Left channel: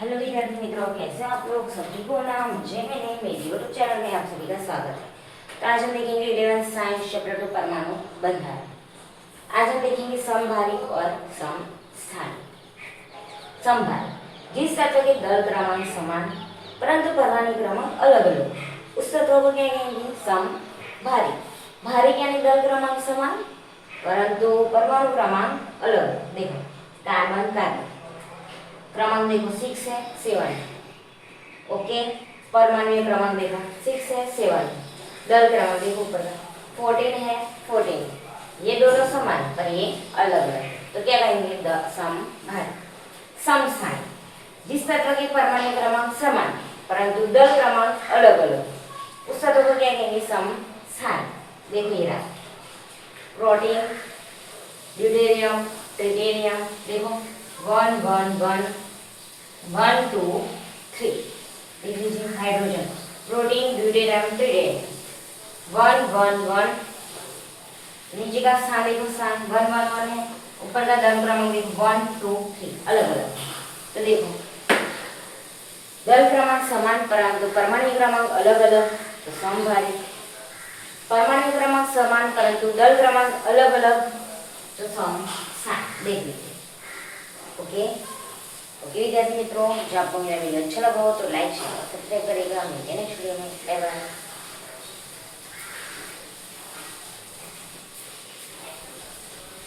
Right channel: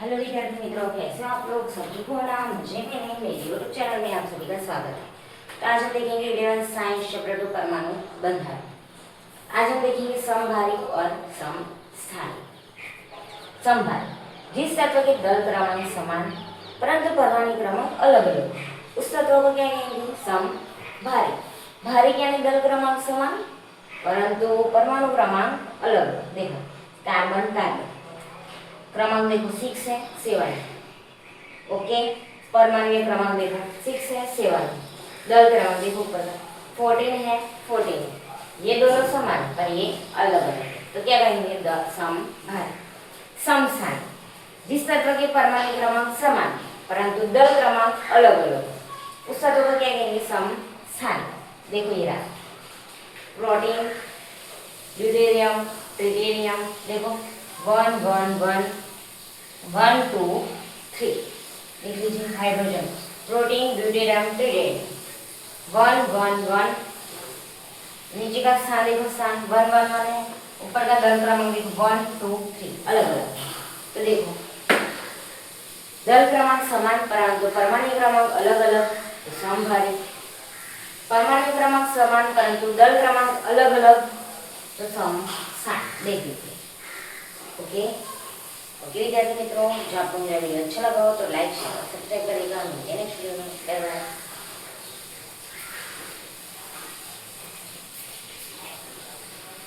Hello विद्यार्थी मित्रों, कैसे हो आप लोग? सभी को नाम मुझे मैंने मेरी यूट्यूब चैनल में आप सभी का स्वागत है। तो आज हम देखेंगे 11th साइंस चैप्टर 2 परमाणु बंधन। आज हम देखेंगे समभारी और समस्थानिक। समभारी, जिस तत्व के दल क्रमांक समान परंतु परमाणु क्रमांक अलग अलग, उस तत्व को क्या कहेंगे? समभारी। भारी यानी दल क्रमांक समान परंतु परमाणु क्रमांक अलग। देखो कार्बन कार्बन क्रमांक देखो 6 है 7। ओके, परमाणु क्रमांक देखो 6 है 7। दल क्रमांक देखो ऊपर का 14 है 14। ये दोनों समान पर ये अलग अलग, तो क्या कहेंगे? समभारी। समस्थानिक, जिस तत्व के परमाणु क्रमांक समान परंतु दल क्रमांक अलग अलग, उस तत्व को क्या कहेंगे? समस्थानिक। देखो ये रहा प्रोटीन, ड्यूटेरियम, ट्रिटियम। देखो 1 1 1 1 2 3। लिख लीजिए हाइड्रोजन, प्रोटीन, ड्यूटेरियम, ट्रिटियम। 1 1 1। नीचे का स्थान देखो, स्थान 1 1 1 है। ऊपर का दल क्रमांक देखो 1 2 3 अलग अलग। तो देखो दल क्रमांक समान परंतु परमाणु क्रमांक अलग अलग, तो समभारी। परमाणु क्रमांक समान परंतु दल क्रमांक अलग अलग, तो समस्थानिक। देख लीजिए। ओके ओके विद्यार्थी मित्रों, जो आपको मेरा वीडियो अच्छा लगा हो तो लाइक शेयर और सब्सक्राइब करेगा। मिलते हैं नेक्स्ट वीडियो में। Bye bye.